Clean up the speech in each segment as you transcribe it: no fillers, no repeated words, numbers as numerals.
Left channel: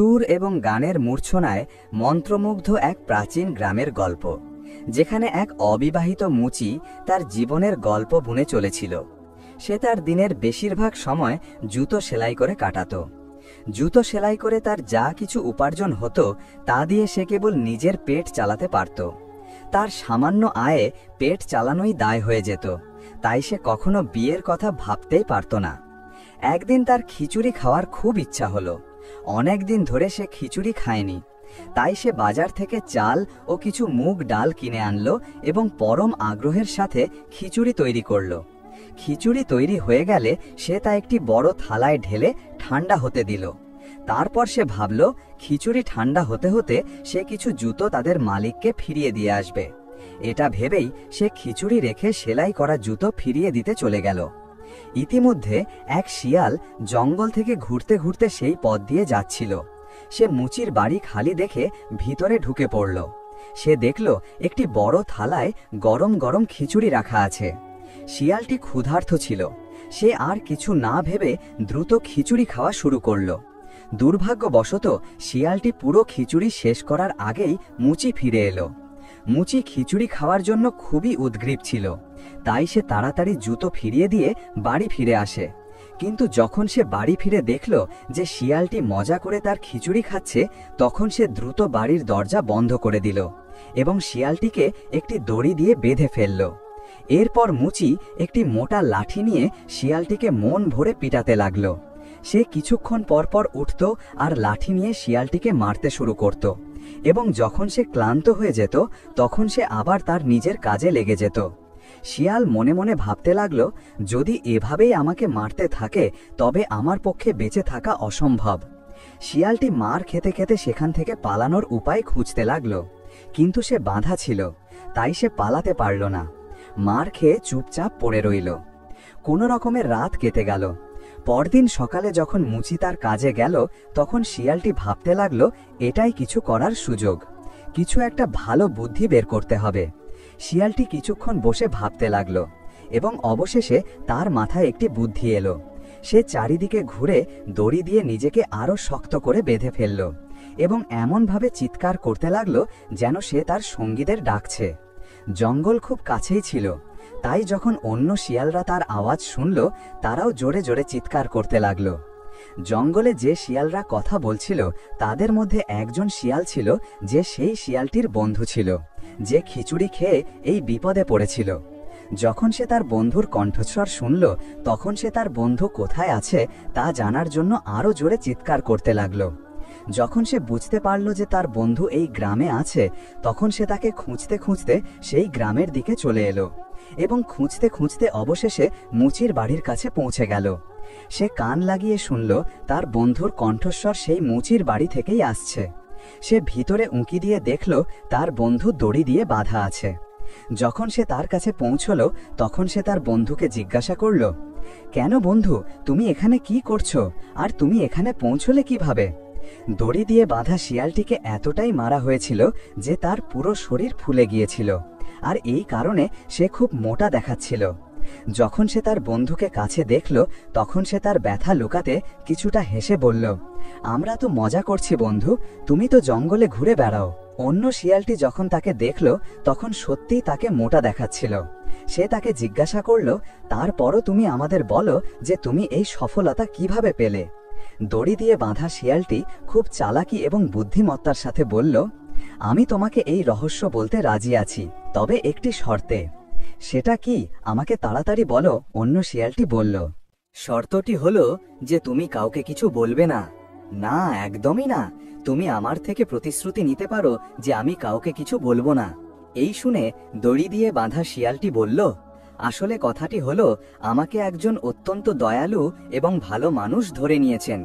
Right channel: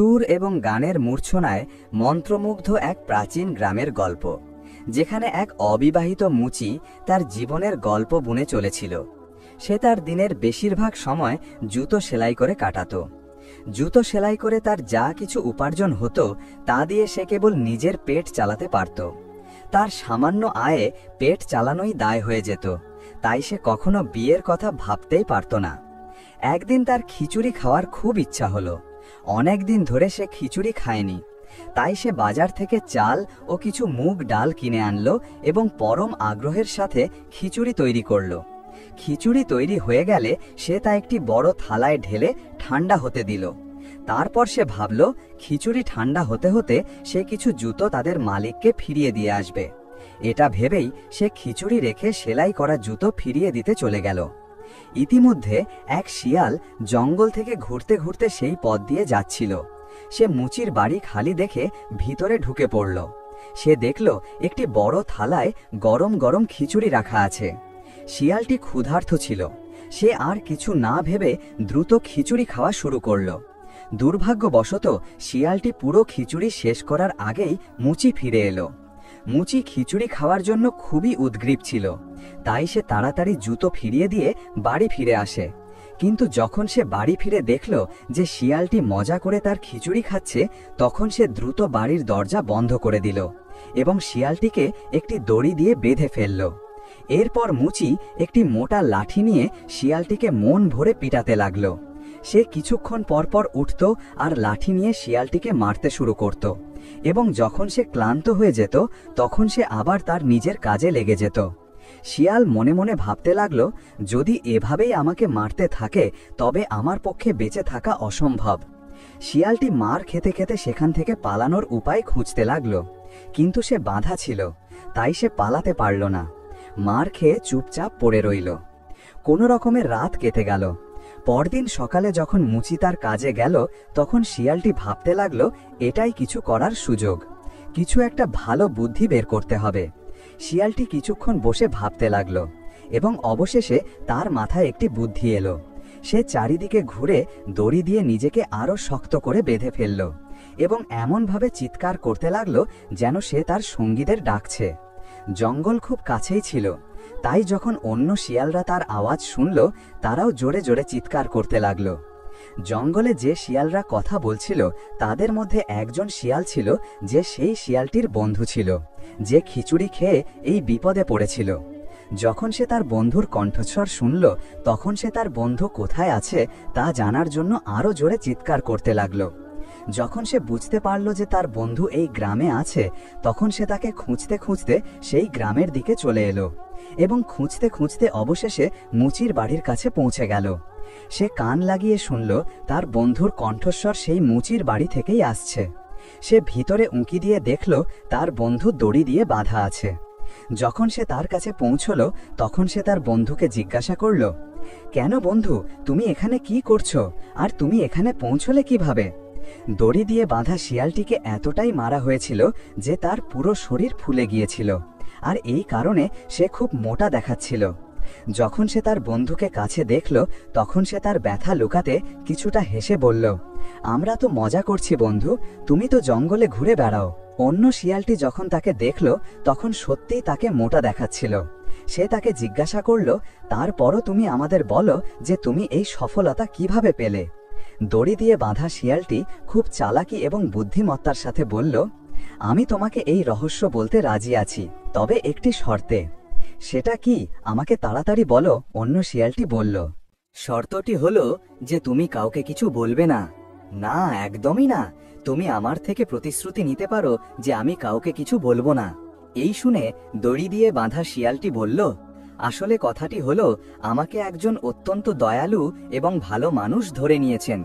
সুর এবং গানের মূর্ছনায় মন্ত্রমুগ্ধ এক প্রাচীন গ্রামের গল্প, যেখানে এক অবিবাহিত মুচি তার জীবনের গল্প বুনে চলেছিল। সে তার দিনের বেশিরভাগ সময় জুতো সেলাই করে কাটাত। জুতো সেলাই করে তার যা কিছু উপার্জন হতো তা দিয়ে সে কেবল নিজের পেট চালাতে পারত। তার সামান্য আয়ে পেট চালানোই দায় হয়ে যেত, তাই সে কখনো বিয়ের কথা ভাবতেই পারত না। একদিন তার খিচুড়ি খাওয়ার খুব ইচ্ছা হলো। অনেক দিন ধরে সে খিচুড়ি খায়নি, তাই সে বাজার থেকে চাল ও কিছু মুগ ডাল কিনে আনলো এবং পরম আগ্রহের সাথে খিচুড়ি তৈরি করলো। খিচুড়ি তৈরি হয়ে গেলে সে তা একটি বড় থালায় ঢেলে ঠান্ডা হতে দিল। তারপর সে ভাবল, খিচুড়ি ঠান্ডা হতে হতে সে কিছু জুতো তাদের মালিককে ফিরিয়ে দিয়ে আসবে। এটা ভেবেই সে খিচুড়ি রেখে সেলাই করা জুতো ফিরিয়ে দিতে চলে গেল। ইতিমধ্যে এক শিয়াল জঙ্গল থেকে ঘুরতে ঘুরতে সেই পথ দিয়ে যাচ্ছিল। সে মুচির বাড়ি খালি দেখে ভিতরে ঢুকে পড়ল। সে দেখল একটি বড় থালায় গরম গরম খিচুড়ি রাখা আছে। শিয়ালটি ক্ষুধার্ত ছিল। সে আর কিছু না ভেবে দ্রুত খিচুড়ি খাওয়া শুরু করল। দুর্ভাগ্যবশত শিয়ালটি পুরো খিচুড়ি শেষ করার আগেই মুচি ফিরে এলো। মুচি খিচুড়ি খাওয়ার জন্য খুবই উদগ্রীব ছিল, তাই সে তাড়াতাড়ি জুতো ফিরিয়ে দিয়ে বাড়ি ফিরে আসে। কিন্তু যখন সে বাড়ি ফিরে দেখল যে শিয়ালটি মজা করে তার খিচুড়ি খাচ্ছে, তখন সে দ্রুত বাড়ির দরজা বন্ধ করে দিল এবং শিয়ালটিকে একটি দড়ি দিয়ে বেঁধে ফেলল। এরপর মুচি একটি মোটা লাঠি নিয়ে শিয়ালটিকে মন ভরে পিটাতে লাগল। সে কিছুক্ষণ পরপর উঠত আর লাঠি নিয়ে শিয়ালটিকে মারতে শুরু করত, এবং যখন সে ক্লান্ত হয়ে যেত তখন সে আবার তার নিজের কাজে লেগে যেত। শিয়াল মনে মনে ভাবতে লাগল, যদি এভাবেই আমাকে মারতে থাকে তবে আমার পক্ষে বেঁচে থাকা অসম্ভব। শিয়ালটি মার খেতে খেতে সেখান থেকে পালানোর উপায় খুঁজতে লাগল, কিন্তু সে বাঁধা ছিল, তাই সে পালাতে পারল না। মার খেয়ে চুপচাপ পড়ে রইল। কোনো রকমের রাত কেটে গেল। পরদিন সকালে যখন মুচি তার কাজে গেল, তখন শিয়ালটি ভাবতে লাগলো, এটাই কিছু করার সুযোগ, কিছু একটা ভালো বুদ্ধি বের করতে হবে। শিয়ালটি কিছুক্ষণ বসে ভাবতে লাগলো এবং অবশেষে তার মাথায় একটি বুদ্ধি এলো। সে চারিদিকে ঘুরে দড়ি দিয়ে নিজেকে আরো শক্ত করে বেঁধে ফেলল এবং এমনভাবে চিৎকার করতে লাগলো যেন সে তার সঙ্গীদের ডাকছে। জঙ্গল খুব কাছেই ছিল, তাই যখন অন্য শিয়ালরা তার আওয়াজ শুনল, তারাও জোরে জোরে চিৎকার করতে লাগলো। জঙ্গলে যে শিয়ালরা কথা বলছিল তাদের মধ্যে একজন শিয়াল ছিল যে সেই শিয়ালটির বন্ধু ছিল, যে খিচুড়ি খেয়ে এই বিপদে পড়েছিল। যখন সে তার বন্ধুর কণ্ঠস্বর শুনল, তখন সে তার বন্ধু কোথায় আছে তা জানার জন্য আরো জোরে চিৎকার করতে লাগলো। যখন সে বুঝতে পারল যে তার বন্ধু এই গ্রামে আছে, তখন সে তাকে খুঁজতে খুঁজতে সেই গ্রামের দিকে চলে এলো এবং খুঁজতে খুঁজতে অবশেষে মুচির বাড়ির কাছে পৌঁছে গেল। সে কান লাগিয়ে শুনল তার বন্ধুর কণ্ঠস্বর সেই মুচির বাড়ি থেকেই আসছে। সে ভিতরে উঁকি দিয়ে দেখল তার বন্ধু দড়ি দিয়ে বাঁধা আছে। যখন সে তার কাছে পৌঁছল, তখন সে তার বন্ধুকে জিজ্ঞাসা করল, কেন বন্ধু, তুমি এখানে কি করছো, আর তুমি এখানে পৌঁছলে কিভাবে? দড়ি দিয়ে বাঁধা শিয়ালটিকে এতটাই মারা হয়েছিল যে তার পুরো শরীর ফুলে গিয়েছিল, আর এই কারণে সে খুব মোটা দেখাচ্ছিল। যখন সে তার বন্ধুকে কাছে দেখল, তখন সে তার ব্যথা লুকাতে কিছুটা হেসে বলল, আমরা তো মজা করছি বন্ধু, তুমি তো জঙ্গলে ঘুরে বেড়াও। অন্য শিয়ালটি যখন তাকে দেখল, তখন সত্যিই তাকে মোটা দেখাচ্ছিল। সে তাকে জিজ্ঞাসা করল, তারপরও তুমি আমাদের বলো যে তুমি এই সফলতা কিভাবে পেলে? দড়ি দিয়ে বাঁধা শিয়ালটি খুব চালাকি এবং বুদ্ধিমত্তার সাথে বলল, আমি তোমাকে এই রহস্য বলতে রাজি আছি, তবে একটি শর্তে। সেটা কি, আমাকে তাড়াতাড়ি বলো, অন্য শিয়ালটি বলল। শর্তটি হলো যে তুমি কাউকে কিছু বলবে না। না, একদমই না। তুমি আমার থেকে প্রতিশ্রুতি নিতে পারো যে আমি কাউকে কিছু বলবো না। এই শুনে দড়ি দিয়ে বাঁধা শিয়ালটি বলল, আসলে কথাটি হলো, আমাকে একজন অত্যন্ত দয়ালু এবং ভালো মানুষ ধরে নিয়েছেন।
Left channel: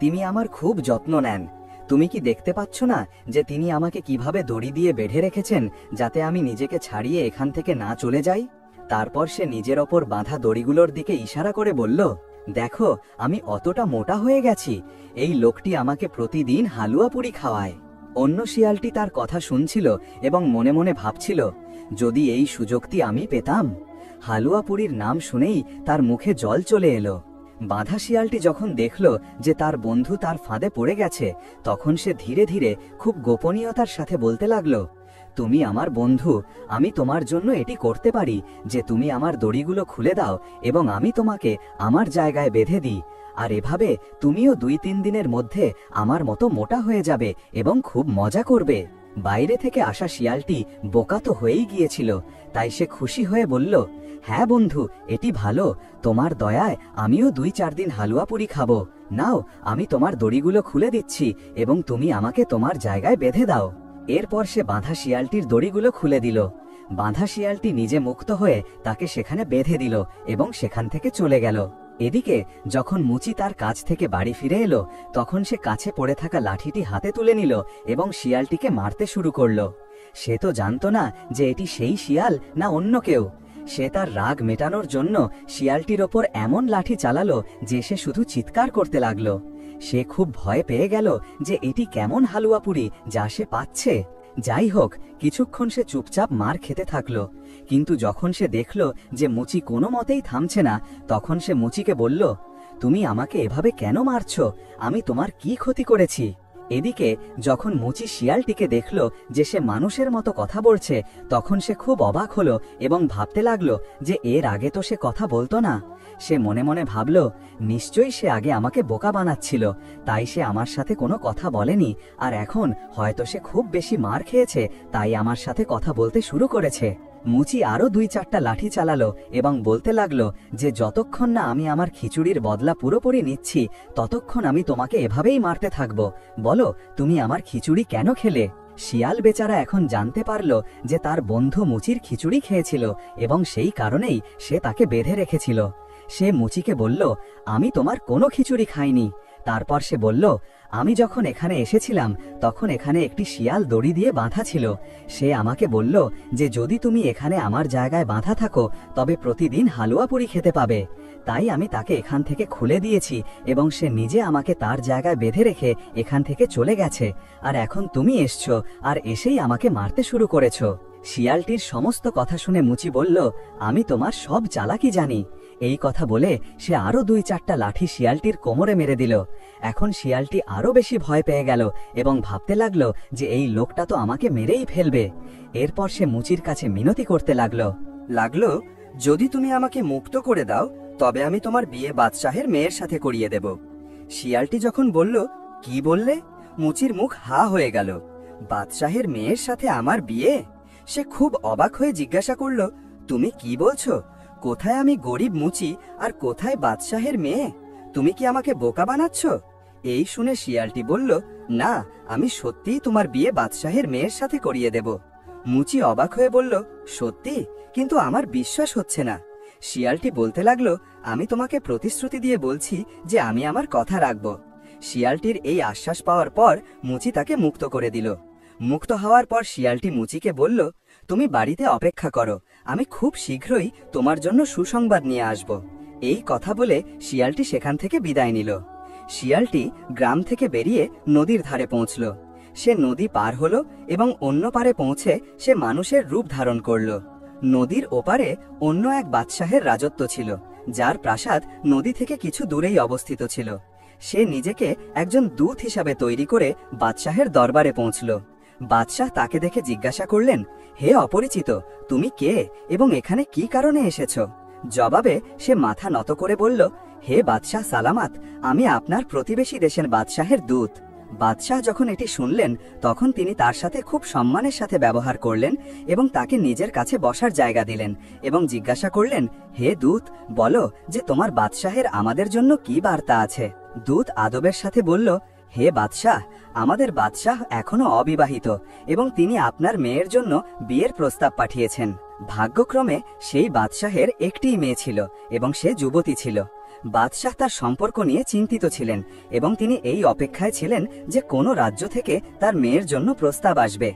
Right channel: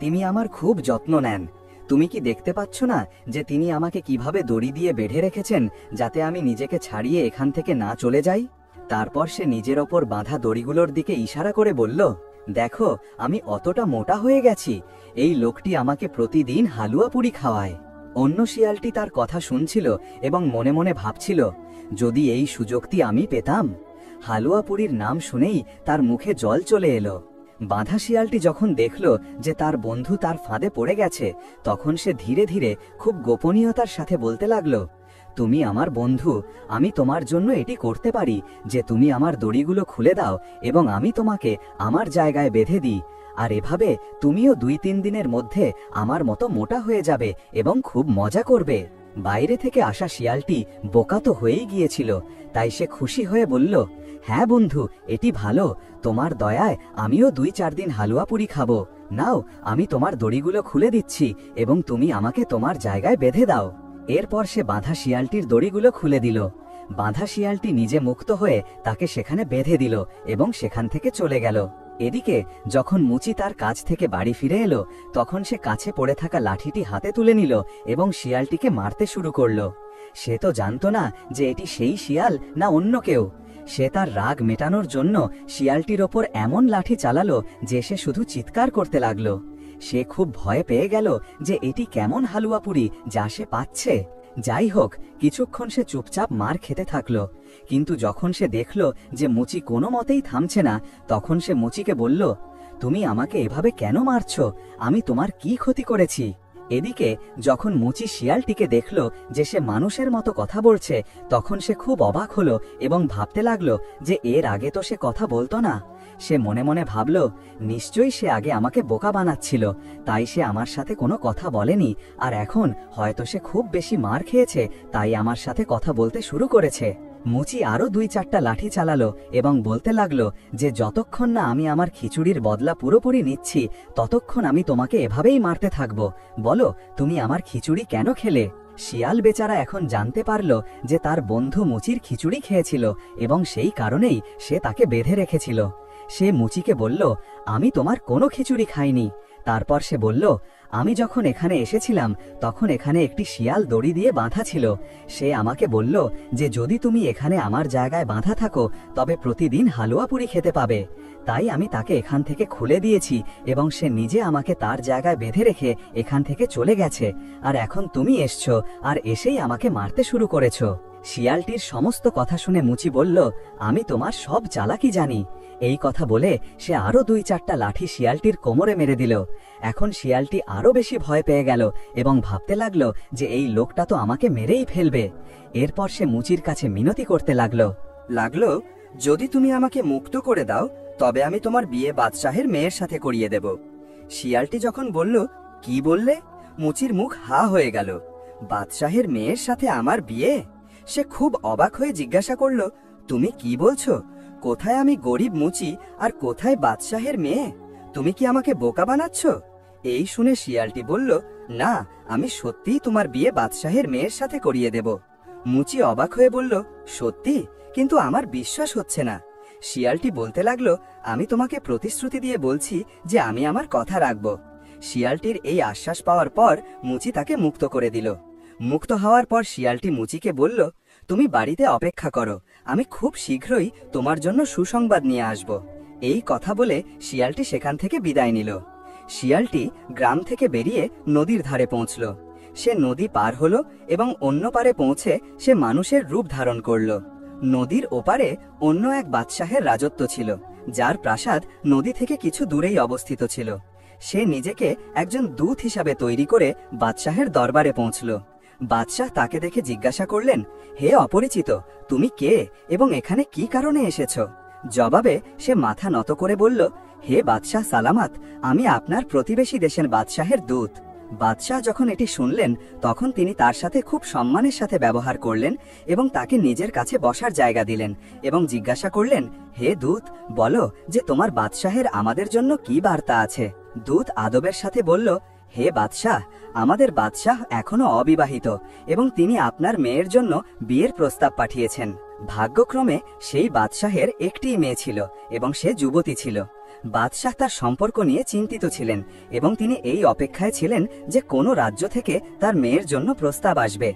তিনি আমার খুব যত্ন নেন। তুমি কি দেখতে পাচ্ছ না যে তিনি আমাকে কিভাবে দড়ি দিয়ে বেঁধে রেখেছেন, যাতে আমি নিজেকে ছাড়িয়ে এখান থেকে না চলে যাই? তারপর সে নিজের ওপর বাঁধা দড়িগুলোর দিকে ইশারা করে বলল, দেখো, আমি অতটা মোটা হয়ে গেছি। এই লোকটি আমাকে প্রতিদিন হালুয়া পুরি খাওয়ায়। অন্য শিয়ালটি তার কথা শুনছিল এবং মনে মনে ভাবছিল, যদি এই সুযোগটি আমি পেতাম। হালুয়া পুরির নাম শুনেই তার মুখে জল চলে এলো। বাঁধা শিয়ালটি যখন দেখল যে তার বন্ধু তার ফাঁদে পড়ে গেছে, তখন সে ধীরে ধীরে খুব গোপনীয়তার সাথে বলতে লাগলো, তুমি আমার বন্ধু, আমি তোমার জন্য এটি করতে পারি যে তুমি আমার দড়িগুলো খুলে দাও এবং আমি তোমাকে আমার জায়গায় বেঁধে দিই, আর এভাবে তুমিও 2-3 দিনের মধ্যে আমার মতো মোটা হয়ে যাবে এবং খুব মজা করবে। বাইরে থেকে আসা শিয়ালটি বোকা তো হয়েই গিয়েছিল, তাই সে খুশি হয়ে বলল, হ্যাঁ বন্ধু, এটি ভালো, তোমার দয়ায় আমিও 2-4 দিন হালুয়া পুরি খাবো। নাও, আমি তোমার দড়িগুলো খুলে দিচ্ছি এবং তুমি আমাকে তোমার জায়গায় বেঁধে দাও। এরপর সে বাঁধা শিয়ালটির দড়িগুলো খুলে দিল। বাঁধা শিয়ালটি নিজে মুক্ত হয়ে তাকে সেখানে বেঁধে দিল এবং সেখান থেকে চলে গেল। এদিকে যখন মুচি তার কাজ থেকে বাড়ি ফিরে এলো, তখন সে কাছে পড়ে থাকা লাঠিটি হাতে তুলে নিল এবং শিয়ালটিকে মারতে শুরু করলো। সে তো জানতো না যে এটি সেই শিয়াল না অন্য কেউ। সে তার রাগ মেটানোর জন্য শিয়ালটির ওপর এমন লাঠি চালালো যে সে শুধু চিৎকার করতে লাগলো। সে খুব ভয় পেয়ে গেল যে এটি কেমন হালুয়া পুরি যা সে পাচ্ছে। যাই হোক, কিছুক্ষণ সে চুপচাপ মার খেতে থাকলো, কিন্তু যখন সে দেখল যে মুচি কোনো মতেই থামছে না, তখন সে মুচিকে বলল, তুমি আমাকে এভাবে কেন মারছো? আমি তোমার কি ক্ষতি করেছি? এদিকে যখন মুচি শিয়ালটিকে দেখল যে সে মানুষের মতো কথা বলছে, তখন সে খুব অবাক হলো এবং ভাবতে লাগলো যে এর আগে তো সে কথা বলতো না। সে মনে মনে ভাবল, নিশ্চয়ই সে আগে আমাকে বোকা বানাচ্ছিল, তাই সে আমার সাথে কোনো কথা বলেনি, আর এখন হয়তো সে খুব বেশি মার খেয়েছে, তাই আমার সাথে কথা বলতে শুরু করেছে। মুচি আরো 2-4টা লাঠি চালালো এবং বলতে লাগলো যে যতক্ষণ না আমি আমার খিচুড়ির বদলা পুরোপুরি নিচ্ছি, ততক্ষণ আমি তোমাকে এভাবেই মারতে থাকবো। বলো, তুমি আমার খিচুড়ি কেন খেলে? শিয়াল বেচারা এখন জানতে পারল যে তার বন্ধু মুচির খিচুড়ি খেয়েছিল এবং সেই কারণেই সে তাকে বেঁধে রেখেছিল। সে মুচিকে বলল, আমি তোমার কোনো খিচুড়ি খাইনি। তারপর সে বলল, আমি যখন এখানে এসেছিলাম তখন এখানে একটি শিয়াল দড়ি দিয়ে বাঁধা ছিল। সে আমাকে বলল যে যদি তুমি এখানে আমার জায়গায় বাঁধা থাকো তবে প্রতিদিন হালুয়া পুরি খেতে পাবে। তাই আমি তাকে এখান থেকে খুলে দিয়েছি এবং সে নিজে আমাকে তার জায়গায় বেঁধে রেখে এখান থেকে চলে গেছে, আর এখন তুমি এসছো আর এসেই আমাকে মারতে শুরু করেছো। শিয়ালটির সমস্ত কথা শুনে মুচি বলল, আমি তোমার সব চালাকি জানি। এই কথা বলে সে আরো 2-4টা লাঠি শিয়ালটির কোমরে মেরে দিল। এখন শিয়ালটি আরো বেশি ভয় পেয়ে গেল এবং ভাবতে লাগলো যে এই লোকটা তো আমাকে মেরেই ফেলবে। এরপর সে মুচির কাছে মিনতি করতে লাগলো, যদি তুমি আমাকে মুক্ত করে দাও তবে আমি তোমার বিয়ে বাদশাহের মেয়ের সাথে করিয়ে দেব। শিয়ালটি যখন বলল, কি বললে? মুচির মুখ হা হয়ে গেল। বাদশাহের মেয়ের সাথে আমার বিয়ে? সে খুব অবাক হয়ে জিজ্ঞাসা করল, তুমি কি বলছো? কোথায় আমি গরিব মুচি আর কোথায় বাদশাহের মেয়ে? তুমি কি আমাকে বোকা বানাচ্ছ? এই শুনে শিয়ালটি বলল, না, আমি সত্যিই তোমার বিয়ে বাদশাহের মেয়ের সাথে করিয়ে দেব। মুচি অবাক হয়ে বলল, সত্যি? কিন্তু আমার বিশ্বাস হচ্ছে না। শিয়ালটি বলতে লাগলো, আমি তোমাকে প্রতিশ্রুতি দিয়ে বলছি যে আমি আমার কথা রাখব। শিয়ালটির এই আশ্বাস পাওয়ার পর মুচি তাকে মুক্ত করে দিল। মুক্ত হওয়ার পর শিয়ালটি মুচিকে বলল, তুমি বাড়িতে অপেক্ষা করো, আমি খুব শীঘ্রই তোমার জন্য সুসংবাদ নিয়ে আসব। এই কথা বলে শিয়ালটি সেখান থেকে বিদায় নিল। শিয়ালটি গ্রাম থেকে বেরিয়ে নদীর ধারে পৌঁছল। সে নদী পার হলো এবং অন্য পারে পৌঁছে সে মানুষের রূপ ধারণ করল। নদীর ওপারে অন্য এক বাদশাহের রাজত্ব ছিল, যার প্রাসাদ নদী থেকে কিছু দূরেই অবস্থিত ছিল। সে নিজেকে একজন দূত হিসাবে তৈরি করে বাদশাহের দরবারে পৌঁছল। বাদশাহ তাকে দেখে জিজ্ঞাসা করলেন, হে অপরিচিত, তুমি কে এবং এখানে কি কারণে এসেছ? জবাবে সে মাথা নত করে বলল, হে বাদশাহ সালামাত, আমি আপনার প্রতিবেশী দেশের বাদশাহের দূত। বাদশাহ যখন এটি শুনলেন তখন তিনি তার সাথে খুব সম্মানের সাথে ব্যবহার করলেন এবং তাকে নিজের কাছে বসার জায়গা দিলেন এবং জিজ্ঞাসা করলেন, হে দূত, বলো যে তোমার বাদশাহের আমাদের জন্য কি বার্তা আছে? দূত আদবের সাথে বলল, হে বাদশাহ, আমাদের বাদশাহ এখনো অবিবাহিত এবং তিনি আপনার মেয়ের জন্য বিয়ের প্রস্তাব পাঠিয়েছেন। ভাগ্যক্রমে সেই বাদশাহের একটিই মেয়ে ছিল এবং সে যুবতী ছিল। বাদশাহ তার সম্পর্ক নিয়ে চিন্তিত ছিলেন এবং তিনি এই অপেক্ষায় ছিলেন যে কোনো রাজ্য থেকে তার মেয়ের জন্য প্রস্তাব আসবে।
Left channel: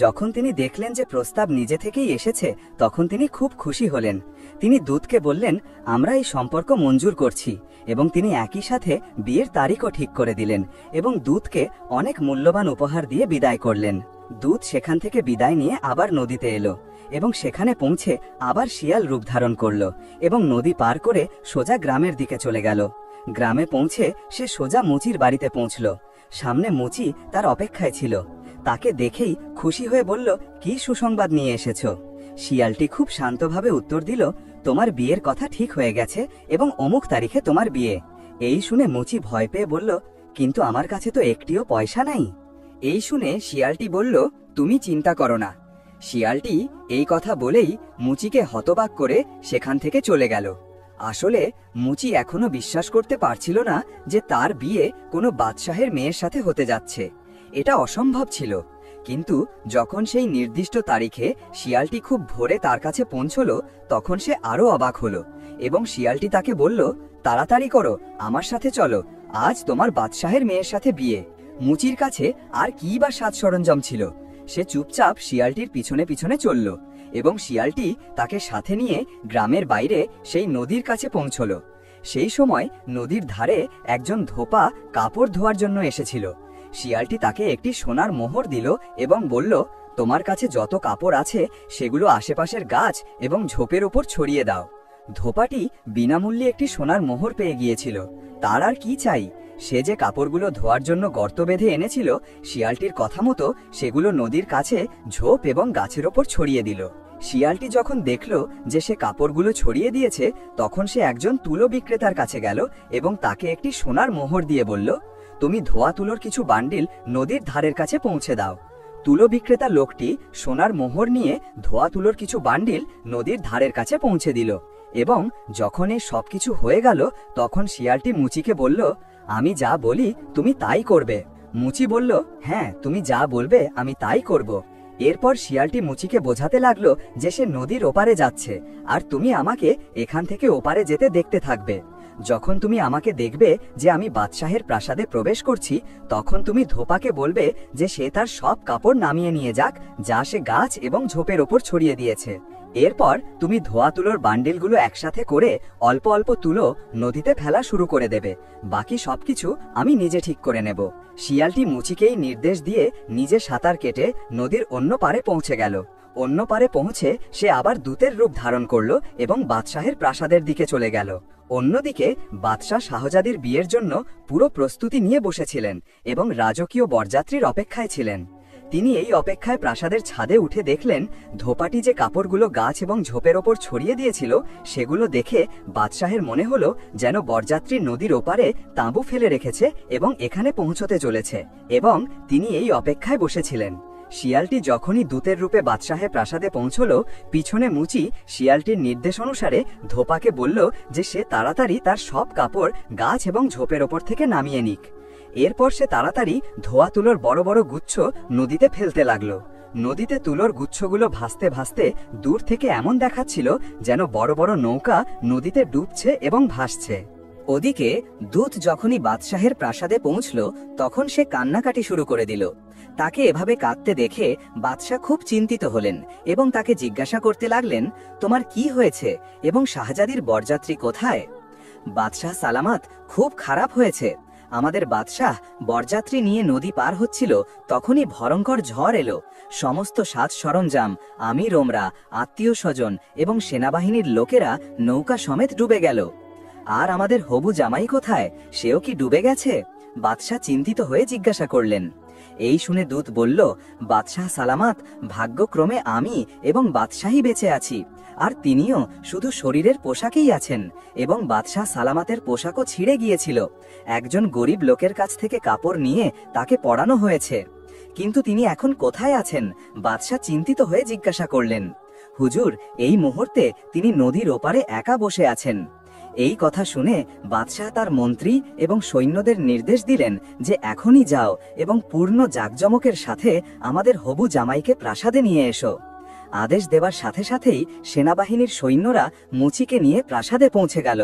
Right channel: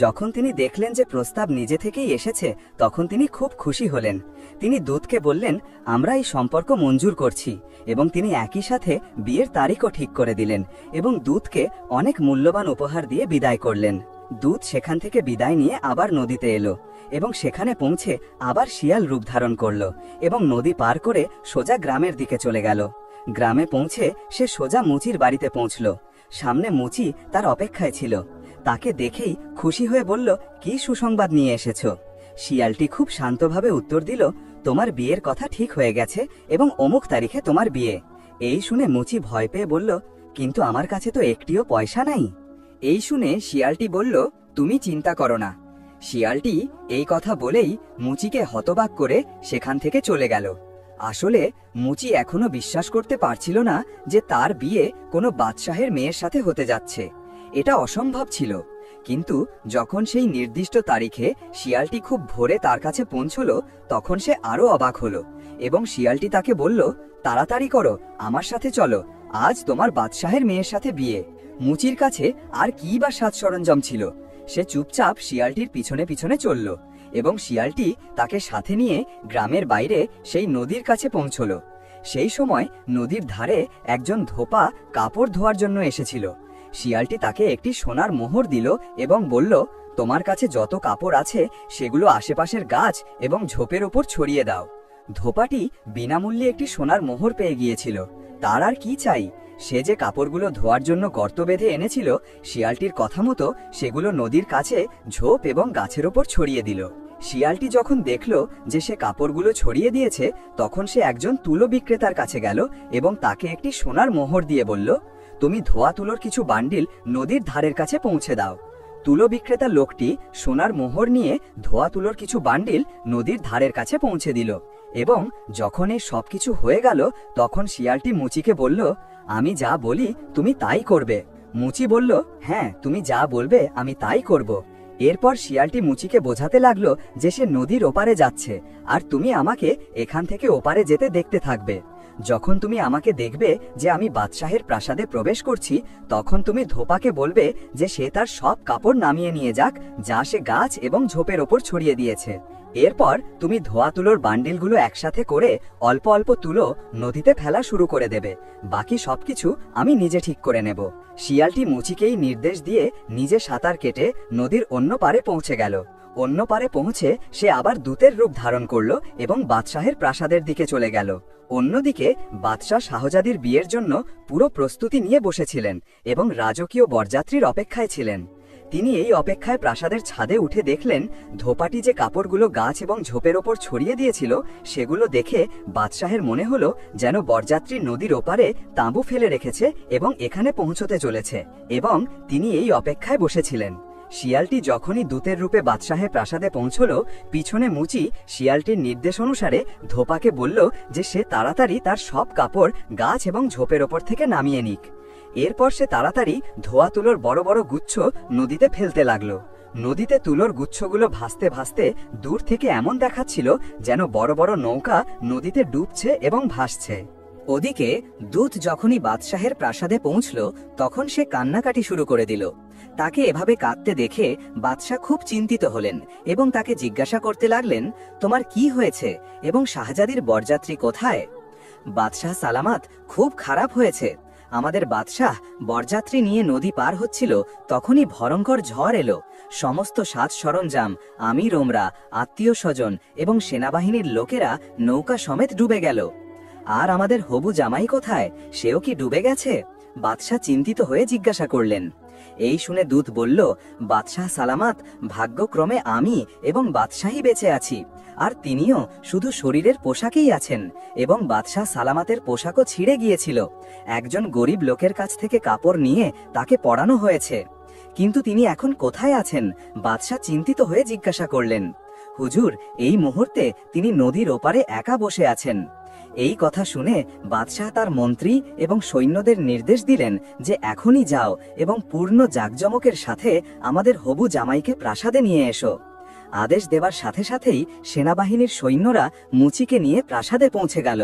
যখন তিনি দেখলেন যে প্রস্তাব নিজে থেকেই এসেছে তখন তিনি খুব খুশি হলেন। তিনি দূতকে বললেন, আমরা এই সম্পর্ক মঞ্জুর করছি, এবং তিনি একই সাথে বিয়ের তারিখও ঠিক করে দিলেন এবং দূতকে অনেক মূল্যবান উপহার দিয়ে বিদায় করলেন। দূত সেখান থেকে বিদায় নিয়ে আবার নদীতে এলো এবং সেখানে পৌঁছে আবার শিয়াল রূপ ধারণ করল এবং নদী পার করে সোজা গ্রামের দিকে চলে গেল। গ্রামে পৌঁছে সে সোজা মুচির বাড়িতে পৌঁছল। সামনে মুচি তার অপেক্ষায় ছিল। তাকে দেখেই খুশি হয়ে বলল, কি সুসংবাদ নিয়ে এসেছো? শিয়ালটি খুব শান্তভাবে উত্তর দিল, তোমার বিয়ের কথা ঠিক হয়ে গেছে এবং অমুক তারিখে তোমার বিয়ে। এই শুনে মুচি ভয় পেয়ে বলল, কিন্তু আমার কাছে তো একটিও পয়সা নাই। এই শুনে শিয়ালটি বলল, তুমি চিন্তা করো না। শিয়ালটি এই কথা বলেই মুচিকে হতবাক করে সেখান থেকে চলে গেল। আসলে মুচি এখনো বিশ্বাস করতে পারছিল না যে তার বিয়ে কোনো বাদশাহের মেয়ের সাথে হতে যাচ্ছে। এটা অসম্ভব ছিল। কিন্তু যখন সেই নির্দিষ্ট তারিখে শিয়ালটি খুব ভোরে তার কাছে পৌঁছল, তখন সে আরো অবাক হলো এবং শিয়ালটি তাকে বলল, তাড়াতাড়ি করো, আমার সাথে চলো, আজ তোমার বাদশাহের মেয়ের সাথে বিয়ে। মুচির কাছে আর কি বা সাজ সরঞ্জাম ছিল। সে চুপচাপ শিয়ালটির পিছনে পিছনে চলল এবং শিয়ালটি তাকে সাথে নিয়ে গ্রামের বাইরে সেই নদীর কাছে পৌঁছল। সেই সময় নদীর ধারে একজন ধোপা কাপড় ধোয়ার জন্য এসেছিল। শিয়ালটি তাকে একটি সোনার মোহর দিল এবং বলল, তোমার কাছে যত কাপড় আছে সেগুলো আশেপাশের গাছ এবং ঝোপের ওপর ছড়িয়ে দাও। ধোপাটি বিনামূল্যে একটি সোনার মোহর পেয়ে গিয়েছিল। তার আর কি চাই? সে যে কাপড়গুলো ধোয়ার জন্য গর্ত বেঁধে এনেছিল, শিয়ালটির কথা মতো সেগুলো নদীর কাছে ঝোপ এবং গাছের ওপর ছড়িয়ে দিল। শিয়ালটি যখন দেখল যে সে কাপড়গুলো ছড়িয়ে দিয়েছে, তখন সে একজন তুলো বিক্রেতার কাছে গেল এবং তাকে একটি সোনার মোহর দিয়ে বলল, তুমি ধোয়া তুলোর কিছু বান্ডিল নদীর ধারের কাছে পৌঁছে দাও। তুলো বিক্রেতা লোকটি সোনার মোহর নিয়ে ধোয়া তুলোর কিছু বান্ডিল নদীর ধারের কাছে পৌঁছে দিল এবং যখন এই সবকিছু হয়ে গেল, তখন শিয়ালটি মুচিকে বলল, আমি যা বলি তুমি তাই করবে। মুচি বলল, হ্যাঁ, তুমি যা বলবে আমি তাই করব। এরপর শিয়ালটি মুচিকে বোঝাতে লাগলো যে সে নদীর ওপারে যাচ্ছে আর তুমি আমাকে এখান থেকে ওপারে যেতে দেখতে থাকবে। যখন তুমি আমাকে দেখবে যে আমি বাদশাহের প্রাসাদে প্রবেশ করছি, তখন তুমি ধোপাকে বলবে যে সে তার সব কাপড় নামিয়ে নিয়ে যাক যা সে গাছ এবং ঝোপের ওপর ছড়িয়ে দিয়েছে। এরপর তুমি ধোয়া তুলোর বান্ডিলগুলো একসাথে করে অল্প অল্প তুলো নদীতে ফেলা শুরু করে দেবে। বাকি সবকিছু আমি নিজে ঠিক করে নেব। শিয়ালটি মুচিকেই নির্দেশ দিয়ে নিজে সাঁতার কেটে নদীর অন্য পারে পৌঁছে গেল। অন্য পারে পৌঁছে সে আবার দূতের রূপ ধারণ করলো এবং বাদশাহের প্রাসাদের দিকে চলে গেল। অন্যদিকে বাদশাহ শাহজাদির বিয়ের জন্য পুরো প্রস্তুতি নিয়ে বসেছিলেন এবং রাজকীয় বরযাত্রীর অপেক্ষায় ছিলেন। তিনি এই অপেক্ষায় প্রাসাদের ছাদে উঠে দেখলেন ধোপাটি যে কাপড়গুলো গাছ এবং ঝোপের ওপর ছড়িয়ে দিয়েছিল, সেগুলো দেখে বাদশাহের মনে হলো যেন বরযাত্রী নদীর ওপারে তাঁবু ফেলে রেখেছে এবং এখানে পৌঁছতে চলেছে, এবং তিনি এই অপেক্ষায় বসেছিলেন। শিয়ালটি যখনই দূতের রূপে বাদশাহের প্রাসাদে পৌঁছল, পিছনে মুচি শিয়ালটির নির্দেশ অনুসারে ধোপাকে বলল যে সে তাড়াতাড়ি তার সব কাপড় গাছ এবং ঝোপের ওপর থেকে নামিয়ে নিক। এরপর সে তাড়াতাড়ি ধোয়া তুলোর বড় বড় গুচ্ছ নদীতে ফেলতে লাগলো। নদীতে তুলোর গুচ্ছগুলো ভাসতে ভাসতে দূর থেকে এমন দেখাচ্ছিল যেন বড় বড় নৌকা নদীতে ডুবছে এবং ভাসছে। ওদিকে দূত যখনই বাদশাহের প্রাসাদে পৌঁছল, তখন সে কান্নাকাটি শুরু করে দিল। তাকে এভাবে কাঁদতে দেখে বাদশাহ খুব চিন্তিত হলেন এবং তাকে জিজ্ঞাসা করতে লাগলেন, তোমার কি হয়েছে এবং শাহজাদির বরযাত্রী কোথায়? বাদশাহ সালামত, খুব খারাপ হয়েছে। আমাদের বাদশাহ বরযাত্রী নিয়ে নদী পার হচ্ছিল, তখনই ভয়ঙ্কর ঝড় এলো। সমস্ত সাজ সরঞ্জাম, আমির ওমরা, আত্মীয় স্বজন এবং সেনাবাহিনীর লোকেরা নৌকা সমেত ডুবে গেল। আর আমাদের হবু জামাই কোথায়? সেও কি ডুবে গেছে? বাদশাহ চিন্তিত হয়ে জিজ্ঞাসা করলেন। এই শুনে দূত বলল, বাদশাহ সালামত, ভাগ্যক্রমে আমি এবং বাদশাহী বেঁচে আছি, আর তিনিও শুধু শরীরের পোশাকেই আছেন এবং বাদশাহ সালামতের পোশাকও ছিঁড়ে গিয়েছিল। একজন গরিব লোকের কাছ থেকে কাপড় নিয়ে তাকে পরানো হয়েছে, কিন্তু তিনি এখন কোথায় আছেন? বাদশাহ চিন্তিত হয়ে জিজ্ঞাসা করলেন। হুজুর, এই মুহূর্তে তিনি নদীর ওপারে একা বসে আছেন। এই কথা শুনে বাদশাহ তার মন্ত্রী এবং সৈন্যদের নির্দেশ দিলেন যে এখনই যাও এবং পূর্ণ জাঁকজমকের সাথে আমাদের হবু জামাইকে প্রাসাদে নিয়ে এসো। আদেশ দেবার সাথে সাথেই সেনাবাহিনীর সৈন্যরা মুচিকে নিয়ে প্রাসাদে পৌঁছে গেল।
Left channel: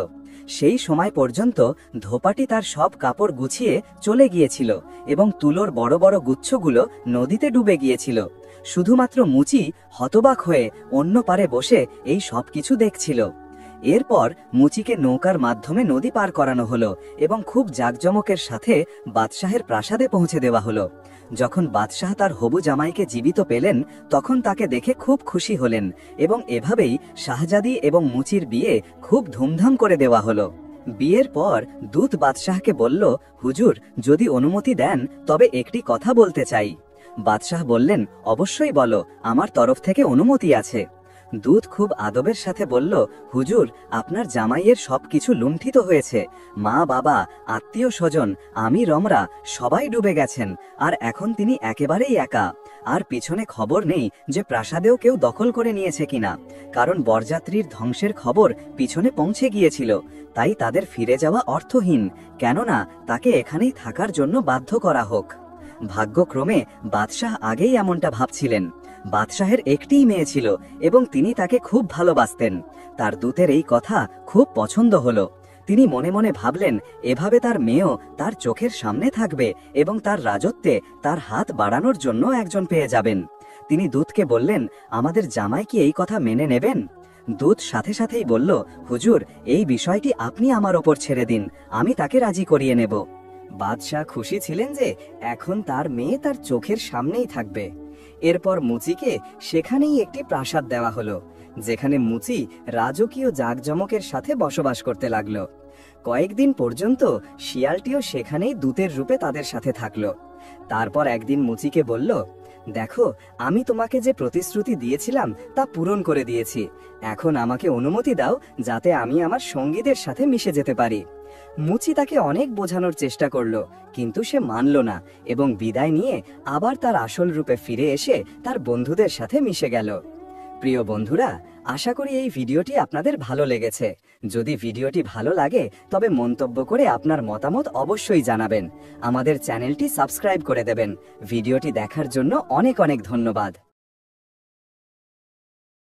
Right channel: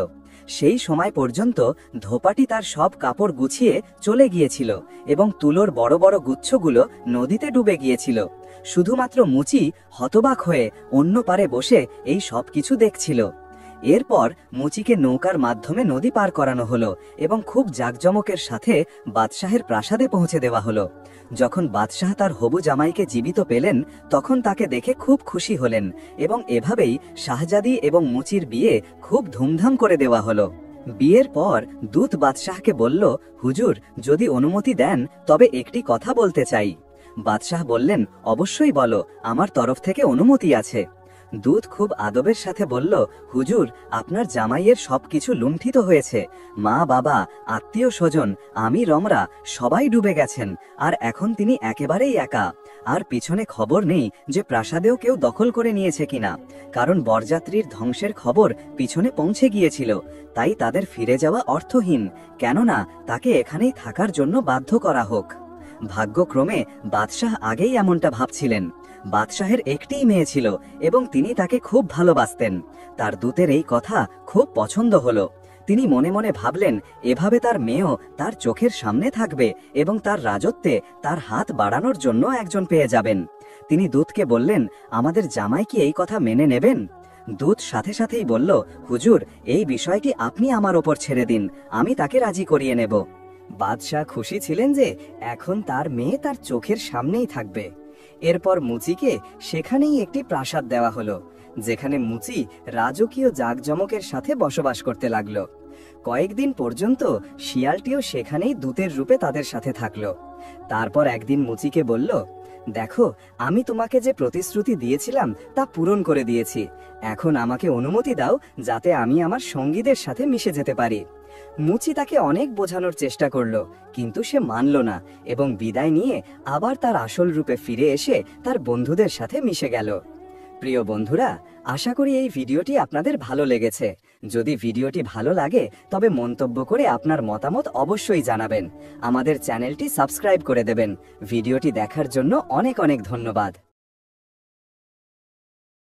সেই সময় পর্যন্ত ধোপাটি তার সব কাপড় গুছিয়ে চলে গিয়েছিল এবং তুলোর বড় বড় গুচ্ছগুলো নদীতে ডুবে গিয়েছিল। শুধুমাত্র মুচি হতবাক হয়ে অন্য পারে বসে এই সব কিছু দেখছিল। এরপর মুচিকে নৌকার মাধ্যমে নদী পার করানো হলো এবং খুব জাঁকজমকের সাথে বাদশাহের প্রাসাদে পৌঁছে দেওয়া হলো। যখন বাদশাহ তার হবু জামাইকে জীবিত পেলেন, তখন তাকে দেখে খুব খুশি হলেন এবং এভাবেই শাহজাদি এবং মুচির বিয়ে খুব ধুমধাম করে দেওয়া হলো। বিয়ের পর দূত বাদশাহকে বলল, হুজুর, যদি অনুমতি দেন তবে একটি কথা বলতে চাই। বাদশাহ বললেন, অবশ্যই বলো, আমার তরফ থেকে অনুমতি আছে। দূত খুব আদবের সাথে বলল, হুজুর, আপনার জামাইয়ের সবকিছু লুণ্ঠিত হয়েছে। মা, বাবা, আত্মীয় স্বজন, আমি রমরা সবাই ডুবে গেছেন, আর এখন তিনি একেবারেই একা। আর পিছনে খবর নেই যে প্রাসাদেও কেউ দখল করে নিয়েছে কিনা, কারণ বরযাত্রীর ধ্বংসের খবর পিছনে পৌঁছে গিয়েছিল। তাই তাদের ফিরে যাওয়া অর্থহীন, কেননা তাকে এখানেই থাকার জন্য বাধ্য করা হোক। ভাগ্যক্রমে বাদশাহ আগেই এমনটা ভাবছিলেন। বাদশাহের একটিই মেয়ে ছিল এবং তিনি তাকে খুব ভালোবাসতেন। তার দূতের এই কথা খুব পছন্দ হলো। তিনি মনে মনে ভাবলেন, এভাবে তার মেয়েও তার চোখের সামনে থাকবে এবং তার রাজত্বে তার হাত বাড়ানোর জন্য একজন পেয়ে যাবেন। তিনি দূতকে বললেন, আমাদের জামাই কি এই কথা মেনে নেবেন? দূত সাথে সাথেই বলল, হুজুর, এই বিষয়টি আপনি আমার ওপর ছেড়ে দিন, আমি তাকে রাজি করিয়ে নেব। বাদশাহ খুশি ছিলেন যে এখন তার মেয়ে তার চোখের সামনেই থাকবে। এরপর মুচিকে সেখানেই একটি প্রাসাদ দেওয়া হলো, যেখানে মুচি রাজকীয় জাঁকজমকের সাথে বসবাস করতে লাগলো। কয়েকদিন পর্যন্ত শিয়ালটিও সেখানেই দূতের রূপে তাদের সাথে থাকলো। তারপর একদিন মুচিকে বলল, দেখো, আমি তোমাকে যে প্রতিশ্রুতি দিয়েছিলাম তা পূরণ করে দিয়েছি। এখন আমাকে অনুমতি দাও যাতে আমি আমার সঙ্গীদের সাথে মিশে যেতে পারি। মুচি তাকে অনেক বোঝানোর চেষ্টা করলো, কিন্তু সে মানল না এবং বিদায় নিয়ে আবার তার আসল রূপে ফিরে এসে তার বন্ধুদের সাথে মিশে গেল। প্রিয় বন্ধুরা, আশা করি এই ভিডিওটি আপনাদের ভালো লেগেছে। যদি ভিডিওটি ভালো লাগে তবে মন্তব্য করে আপনার মতামত অবশ্যই জানাবেন। আমাদের চ্যানেলটি সাবস্ক্রাইব করে দেবেন। ভিডিওটি দেখার জন্য অনেক অনেক ধন্যবাদ।